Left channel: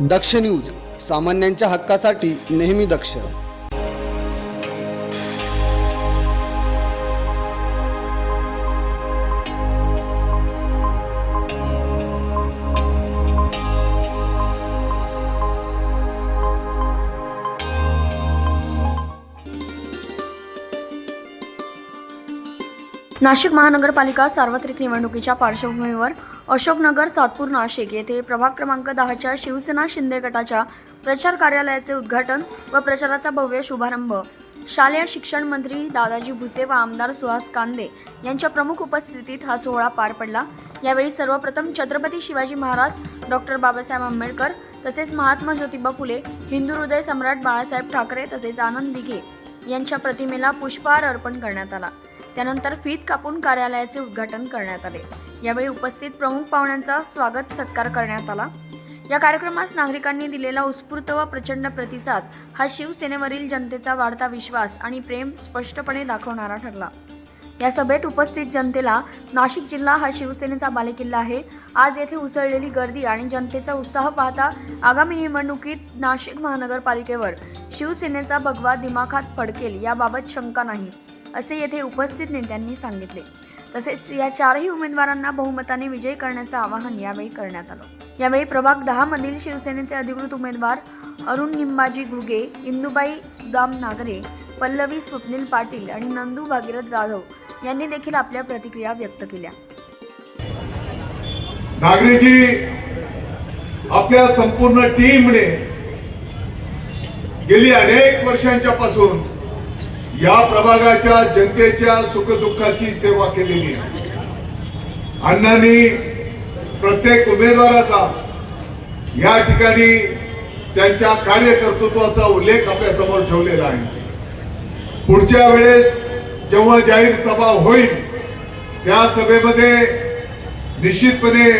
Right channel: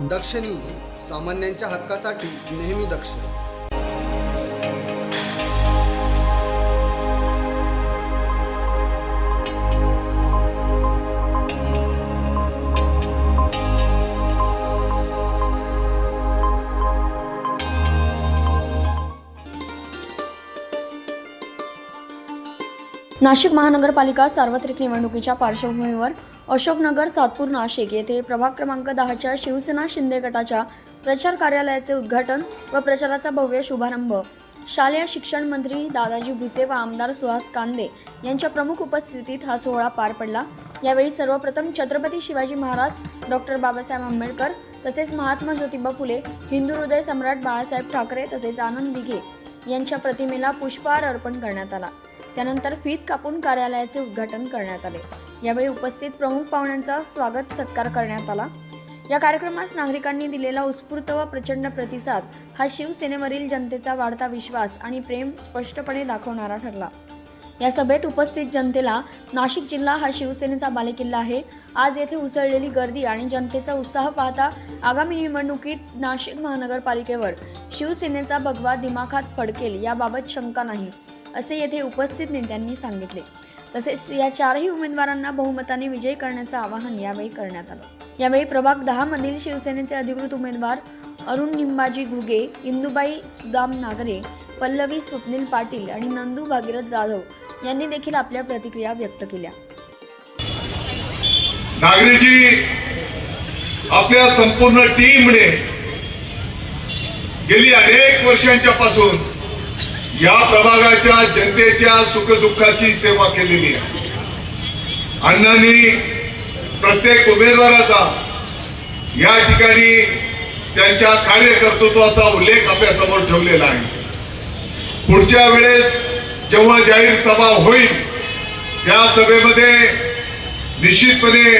दक्ष news, सामान्यांच्या हक्कासाठी नेहमी दक्ष. नाशिक महानगरपालिका सार्वत्रिक निवडणुकीच्या पार्श्वभूमीवर अशोकनगर, सातपूर, नाशिक येथे प्रभाग क्रमांक 10च्या शिवसेना शिंदे गटाच्या प्रचार कार्यालयाचे उद्घाटन व प्रचाराचा भव्य शुभारंभ शालेय शिक्षण मंत्री दादाजी भुसे व आमदार सुहास कांदे यांच्या प्रमुख उपस्थितीत हा सोहळा पार पडला. यावेळी सर्वप्रथम छत्रपती शिवाजी महाराज, डॉक्टर बाबासाहेब आंबेडकर तसेच महात्मा ज्योतिबा फुले, हिंदू हृदय सम्राट बाळासाहेब ठाकरे तसेच आनंद दिघे यांच्या प्रतिमेला पुष्पहार अर्पण करण्यात आला. त्यानंतर फीत कापून कार्यालयाचे उद्घाटन करण्यात आले. यावेळी उपस्थित प्रमुख पाहुण्यांचा स्वागत सत्कार करण्यात आला. या कार्यक्रमास नागरिकांनी दिलेला उत्स्फूर्त व प्रचंड प्रतिसाद हा शिवसेनेवरील जनतेचा वाढता विश्वास आणि प्रेम स्पष्टपणे दाखवणारा ठरला. या सभेत उपस्थित जनतेला नाशिक जिल्हा हा शिवसेनेचा बालेकिल्ला आहे. आज येथे उसळलेली गर्दी आणि जनतेचा उत्साह पाहता आगामी निवडणुकीत नाशिक महानगरपालिकेवर शिवसेनेचा भगवा दिमाखात फडकेल याबाबत शंका नाही, असे येथे उपस्थित नेत्यांनी सांगितले. तसेच या चारही उमेदवारांना बहुमताने विजयी करण्याचे आवाहन यावेळी करण्यात आलं. यावेळी प्रभाग 10 मधील शिवसेनेचे अधिकृत उमेदवार अरुण निंबाजी घुगे, इंदुबाई सुदाम नागरे, पल्लवी स्वप्नील पाटील आणि नंदू भागीरथ जाधव यांनी देखील आपल्या प्रतिक्रिया व्यक्त केल्या. नागरेजी आपल्या संपूर्ण टीमने गेली अनेक वर्षांच्या पासून या प्रभागाच्या जनतेच्या सुखदुःखाची सेवा केलेली आहे. अण्णांनी प्रत्येक उमेदवाराचा या ठिकाणी त्यांच्या कार्यकर्तृत्वाचा उल्लेख आपल्यासमोर ठेवलेला आहे. पुढच्या वेळेस जेव्हा जाहीर सभा होईल त्या सभेमध्ये निश्चितपणे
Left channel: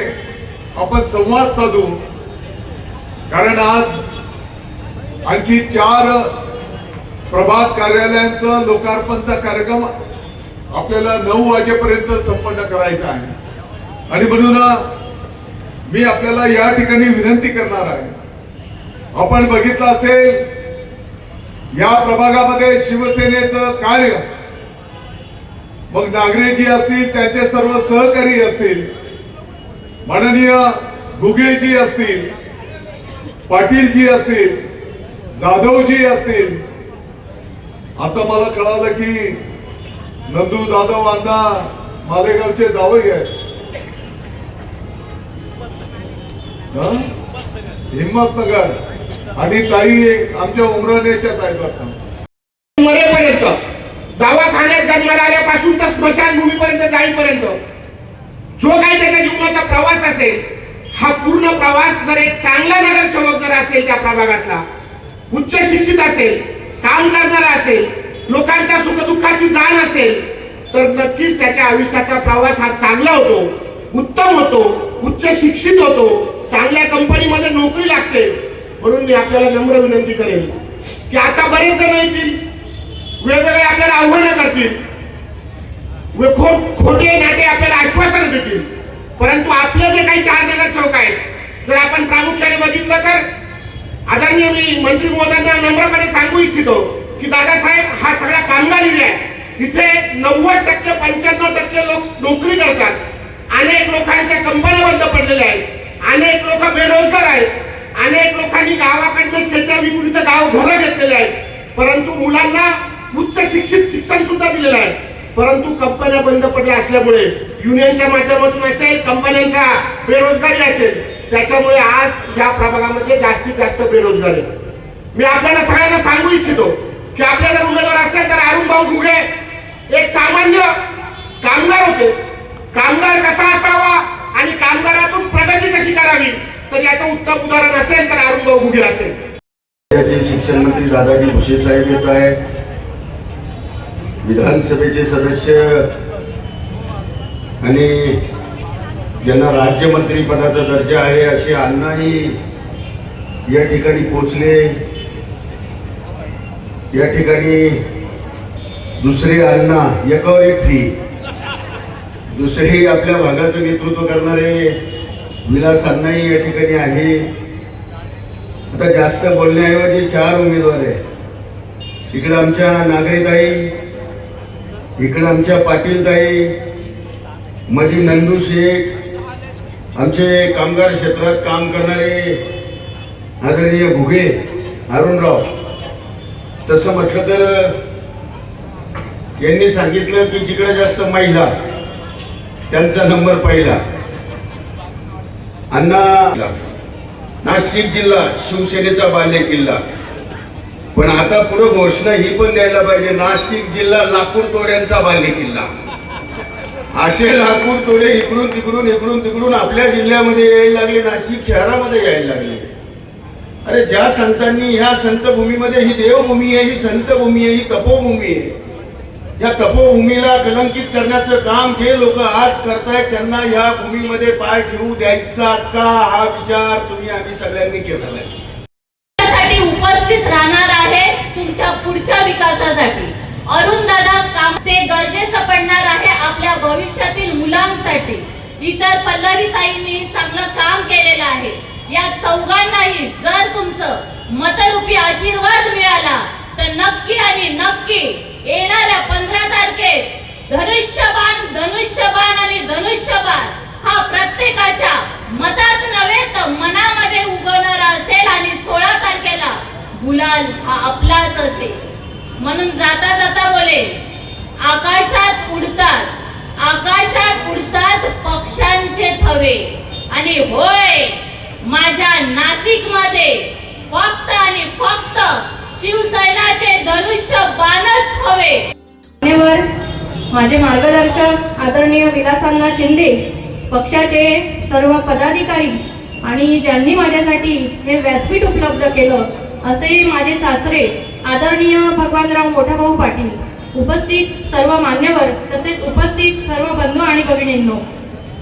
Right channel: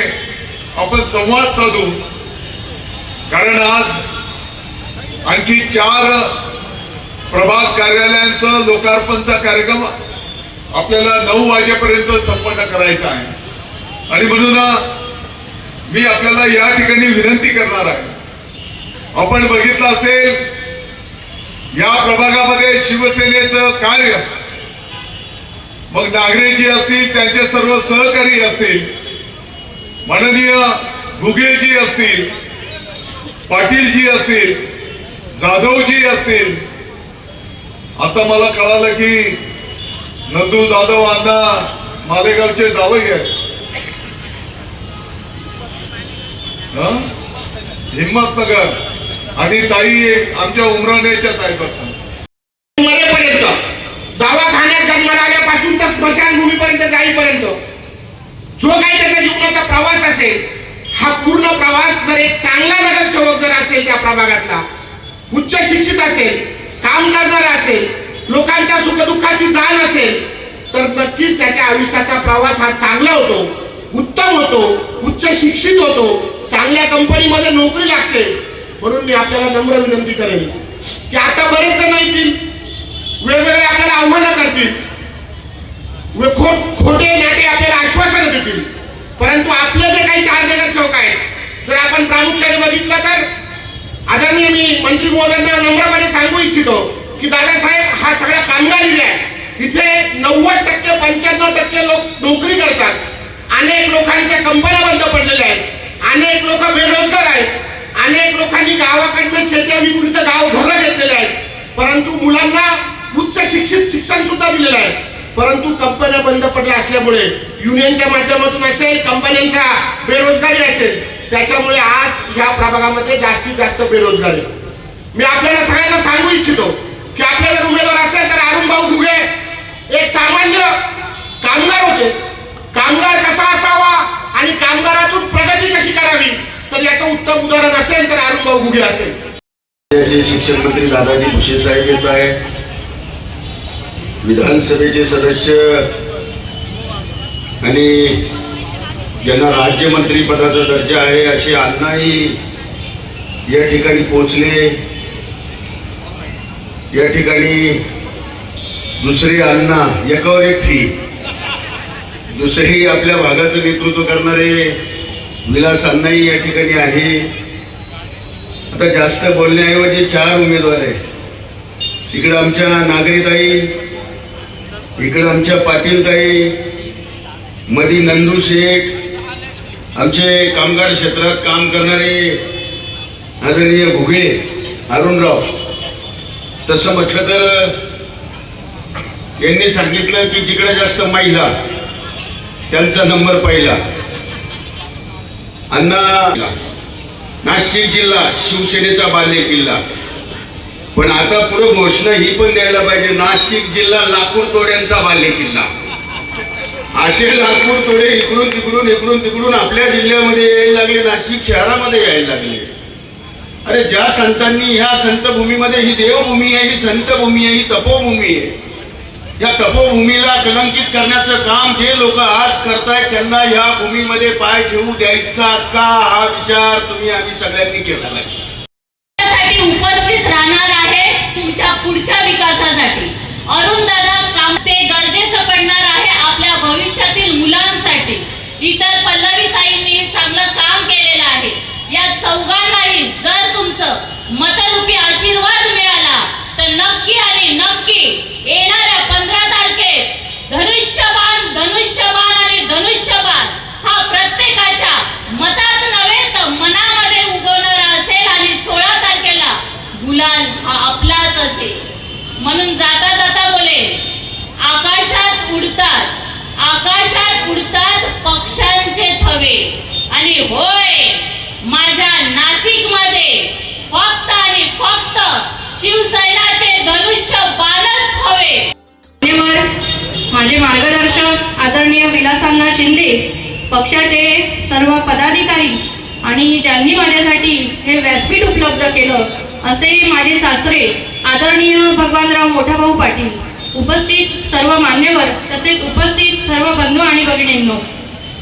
आपण संवाद साधू, कारण आज आणखी 4 प्रभाग कार्यालयांचं लोकार्पणचा कार्यक्रम आपल्याला 9 वाजेपर्यंत संपन्न करायचा आहे. आणि म्हणून मी आपल्याला या ठिकाणी विनंती करणार आहे. आपण बघितलं असेल या प्रभागामध्ये शिवसेनेचं कार्य, मग नागरेजी असतील, त्यांचे सर्व सहकारी असतील, माननीय घुगेजी असतील, पाटीलजी असतील, जाधवजी असतील. आता मला कळालं की नंदू जाधव अण्णा मालेगावचे जावई आहेत, हिम्मतनगर, आणि ताई आमच्या उमराणेच्या ताई बघतात मरेपर्यंत, दवाखान्यात जन्माला आल्यापासून तर स्मशानभूमीपर्यंत जाईपर्यंत जो काही त्याच्या जीवनाचा प्रवास असेल, हा पूर्ण प्रवास जर एक चांगला नगरसेवक जर असेल, त्या प्रभागातला उच्च शिक्षित असेल, काम करणारा असेल, लोकांच्या सुखदुःखाची जाण असेल, तर नक्कीच त्याच्या आयुष्याचा प्रवास हा चांगला होतो, उत्तम होतो, उच्च शिक्षित होतो, चांगल्या कंपनीमध्ये नोकरी लागते. म्हणून मी आपल्याला नम्र विनंती करेन की आता बरेच जण येतील, वेगवेगळे आपल्याला आव्हानं करतील, खोटे नाटे आपल्याला आश्वासनं देतील, परंतु आपले जे काही 4 नगरसेवक आहेत, जर आपण प्रामुख्याने बघितलं तर आदरणीय मी मंत्री महोदयांना नम्रपणे सांगू इच्छितो की दादासाहेब हा सगळा कामगार एरिया आहे. इथे 90% 95% लोक नोकरी करतात. अनेक लोकांच्या कंपन्या बंद पडलेल्या आहेत, अनेक लोक बेरोजगार आहेत, अनेक लोकांनी गावाकडनं शेत्या विकून इथं गाव घरं घेतलेले आहेत, परंतु मुलांना उच्च शिक्षण सुद्धा दिलेलं आहे. परंतु कंपन्या बंद पडल्या असल्यामुळे युनियनच्या माध्यमातून असेल, कंपन्यांचा बेरोजगारी असेल, त्याच्यामुळे आज या प्रभागामध्ये जास्तीत जास्त बेरोजगारी. मी आपल्याला सगळ्यांना सांगू इच्छितो की आपल्याला उमेदवार असेल तर अरुण भाऊ घुगे एक सामान्य कामगार होते. कामगार कसा असावा आणि कामगारातून प्रगती कशी करावी, तर याचं उत्तम उदाहरण असेल तर अरुण भाऊ घुगे असेल. शिक्षण मंत्री दादाजी भुसे साहेब येत आहे, विधानसभेचे सदस्य आणि ज्यांना राज्यमंत्री पदाचा दर्जा आहे असे अण्णाही या ठिकाणी पोहोचले. या ठिकाणी दुसरे अण्णा एकावर एक फ्री, दुसरे आपल्या भागाचं नेतृत्व करणारे विलास अण्णाही या ठिकाणी आहे. आता जास्त बोलण्याऐवजी 4 उमेदवार आहे. इकडं आमच्या नागरीताई, इकडं आमच्या पाटीलताई, मधी नंदू शेठ, आमचे कामगार क्षेत्रात काम करणारे आदरणीय घुगे अरुणराव. तसं म्हटलं तर यांनी सांगितलं की जिकडे जास्त महिला त्यांचा नंबर पहिला. अण्णा नाशिक जिल्हा शिवसेनेचा बाले किल्ला. पण आता पुढे घोषणा ही पण द्यायला पाहिजे, नाशिक जिल्हा लाकूड तोड्यांचा बाले किल्ला. असे लाकूड तोडे इकडून तिकडून आपल्या जिल्ह्यामध्ये यायला लागले, नाशिक शहरामध्ये यायला लागले. अरे ज्या संतांनी ह्या संतभूमीमध्ये, ही देवभूमी आहे, ही संतभूमी आहे, ही तपोभूमी आहे, या तपोभूमीला कलंकित करण्याचं काम जे लोक आज करतायत त्यांना या भूमीमध्ये पाय ठेवू द्यायचा का, हा विचार आम्ही सगळ्यांनी केला पाहिजे. उपस्थित राहणार आहे तुमच्या पुढच्या विकासासाठी. अरुण दादा काम ते गरजेचं पडणार आहे आपल्या भविष्यातील मुलांसाठी. इतर पल्लवीताईंनी चांगलं काम केलेलं आहे. या चौघांनाही जर तुमचं मतरूपी आशीर्वाद मिळाला तर नक्की आणि नक्की येणाऱ्या 15 तारखेत धनुष्यबाण आणि धनुष्यबाण हा प्रत्येकाच्या मतात नव्हे तर मनामध्ये उगवणारा असेल आणि 16 तारखेला गुलाल हा आपलाच असेल. म्हणून जाता जाता बोले, आकाशात उडतात पक्ष्यांचे थवे आणि होय माझ्या नाशिकमध्ये फक्त आणि फक्त शिवसेनाचे धनुष्य बाणच हवे. माझे मार्गदर्शक आदरणीय विलासांना शिंदे, पक्षाचे सर्व पदाधिकारी आणि ज्यांनी माझ्यासाठी हे व्यासपीठ उपलब्ध केलं असे माझे सासरे आदरणीय भगवानराव मोठाभाऊ पाटील, उपस्थित सर्व मान्यवर तसेच उपस्थित सर्व बंधू आणि भगिनींनो,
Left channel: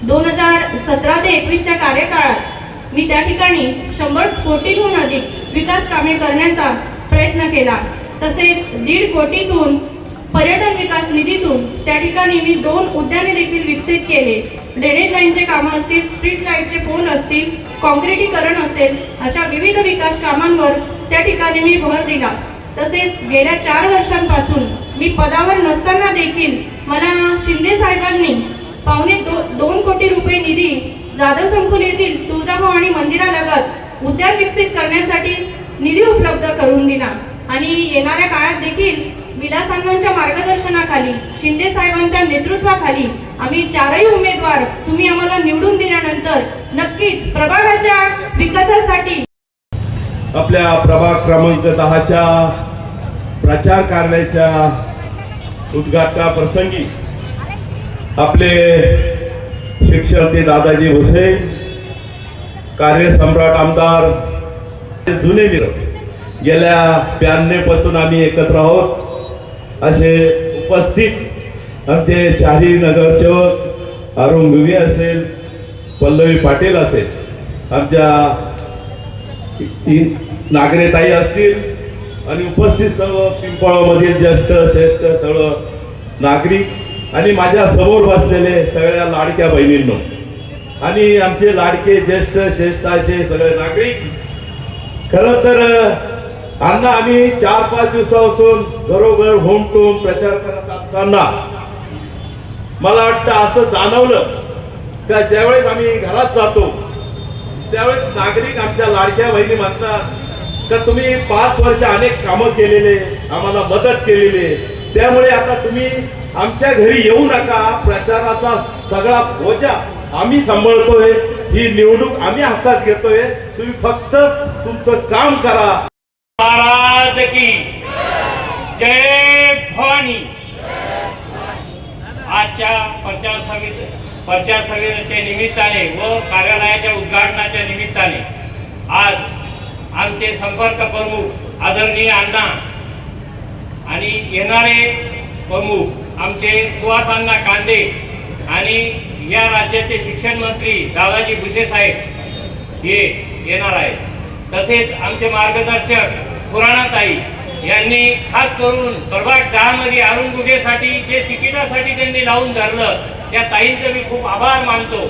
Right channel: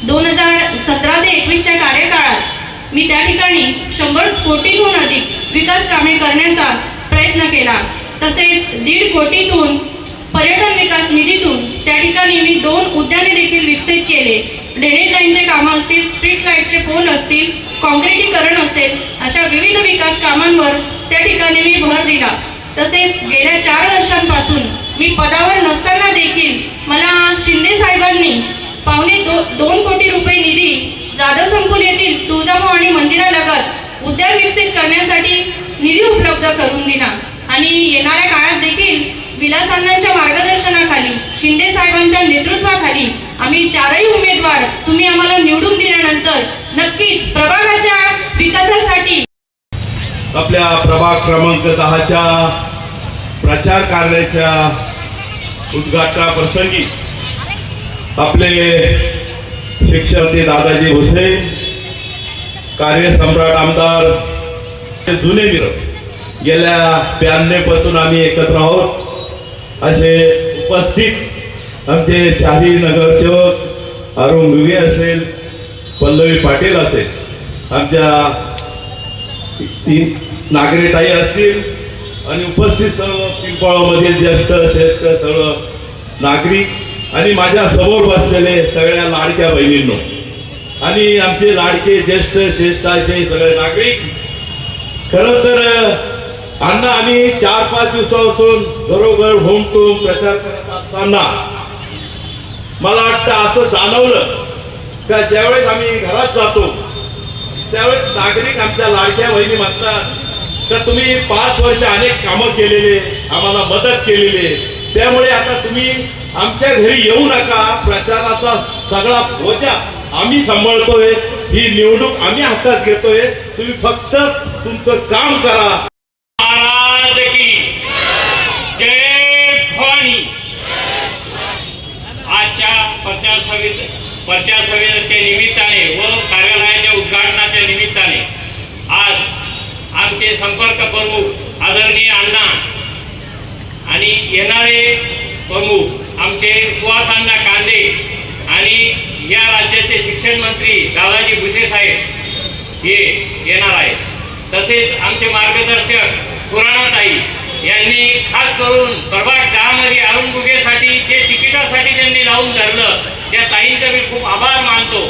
2017 ते 21च्या कार्यकाळात मी त्या ठिकाणी 100 कोटींहून अधिक विकास कामे करण्याचा प्रयत्न केला. तसेच 1.5 कोटीतून पर्यटन विकास निधीतून त्या ठिकाणी मी 2 उद्याने देखील विकसित केले. ड्रेनेज लाईनचे कामं असतील, स्ट्रीट लाईटचे पोल असतील, काँक्रिटीकरण असेल, अशा विविध विकास कामांवर त्या ठिकाणी मी भर दिला. तसेच गेल्या 4 वर्षांपासून मी पदावर नसताना देखील मला शिंदे साहेबांनी 2.25 कोटी रुपये निधी जाधव संकुल येथील तुळजाभवानी मंदिरालगत उद्यान विकसित करण्यासाठी निधी उपलब्ध करून दिला. आणि येणाऱ्या काळात देखील विलासांच्या मार्गदर्शनाखाली, शिंदे साहेबांच्या नेतृत्वाखाली आम्ही 4ही उमेदवार तुम्ही आम्हाला निवडून दिल्यानंतर नक्कीच प्रभागाच्या विकासासाठी आपल्या प्रभाग क्रमांक 10च्या प्रचार कार्याच्या उद्घाटनाप्रसंगी आपले शिक्षक दादाजी भुसे, कार्यसम्राट आमदार, जुने मित्र, गेल्या 92 पासून आम्ही एकत्र आहोत. असे उपस्थित आमचे 4ही नगरसेवक अरुण घुगे असेल, पल्लवी पाटील असेल, आमच्या 3 नागरेताई असतील आणि उपस्थित सर्व पिंपळामधील ज्येष्ठ श्रेष्ठ सर्व नागरिक आणि माझ्या समोर बसलेले सगळ्या लाडक्या बहिणींनो आणि आमचे लाडके ज्येष्ठ श्रेष्ठ असे सगळे नागरिक. खरं तर अण्णा आम्ही 4-5 दिवसापासून घरोघर होम टू होम प्रचार करत असताना मला वाटतं असं जाणवलं का ज्यावेळेस आम्ही घरात जातो त्यावेळेस नागरिक आमच्या लाडक्या बहिणी म्हणतात तर तुम्ही 5 वर्ष अनेक कामं केलेले, आम्हाला मदत केलेली, त्यामुळे आता तुम्ही आमच्या घरी येऊ नका, प्रचाराचा सगळा बोजा आम्ही सांभाळतोय, ही निवडणूक आम्ही हातात घेतोय, तुम्ही फक्त तुमचं काम करा. महाराज की जय भवानी. आजच्या प्रचार सभेच्या निमित्ताने व कार्यालयाच्या उद्घाटनाच्या निमित्ताने आज आमचे संपर्क प्रमुख आदरणीय अण्णा आणि येणारे प्रमुख आमचे सुहासांना कांदे आणि या राज्याचे शिक्षण मंत्री दादाजी भुसे साहेब हे येणार आहेत. तसेच आमचे मार्गदर्शक पुराणाताई यांनी खास करून प्रभाग 10 मध्ये अरुण घुगेसाठी जे तिकिटासाठी त्यांनी लावून धरलं त्या ताईंचे मी खूप आभार मानतो.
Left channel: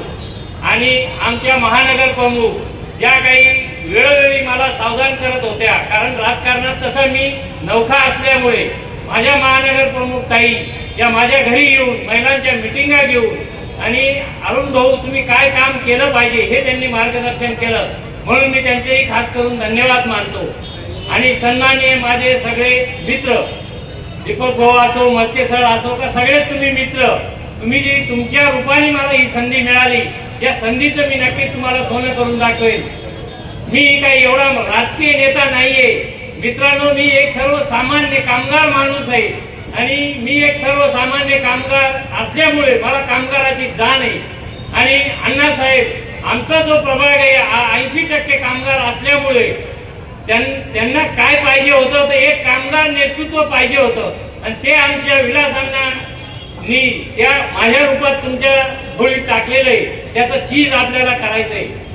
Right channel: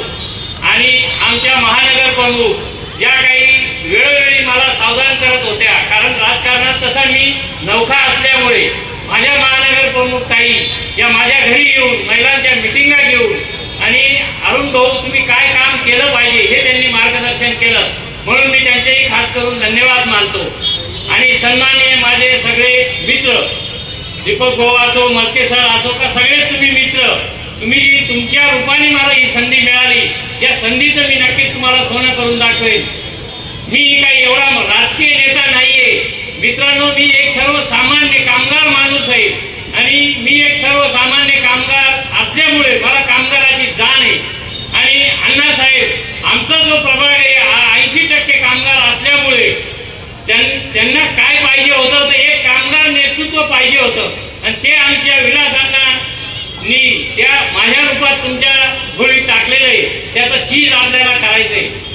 आणि आमच्या महानगर प्रमुख ज्या काही वेळोवेळी मला सावधान करत होत्या, कारण राजकारणात तसा मी नौखा असल्यामुळे माझ्या महानगर प्रमुख ताई या माझ्या घरी येऊन महिलांच्या मिटिंगा घेऊन आणि अरुण भाऊ तुम्ही काय काम केलं पाहिजे हे त्यांनी मार्गदर्शन केलं, म्हणून मी त्यांचेही खास करून धन्यवाद मानतो. आणि सन्माननीय माझे सगळे मित्र, दीपक भाऊ असो, मस्के सर असो, का सगळेच तुम्ही मित्र, तुम्ही जी तुमच्या रूपाने मला ही संधी मिळाली, या संधीचं मी नक्कीच तुम्हाला सोनं करून दाखवेन. मी काही एवढा राजकीय नेता नाहीये मित्रांनो, मी एक सर्वसामान्य कामगार माणूस आहे आणि मी एक सर्वसामान्य कामगार असल्यामुळे मला कामगाराची जाण आहे. आणि अण्णासाहेब आमचा जो प्रभाग आहे 80% कामगार असल्यामुळे त्यांना काय पाहिजे होतं तर एक कामगार नेतृत्व पाहिजे होतं आणि ते आमच्या विलासांनी त्या माझ्या रूपात तुमच्या भोळीत टाकलेलं आहे. त्याचा चीज आपल्याला करायचं आहे.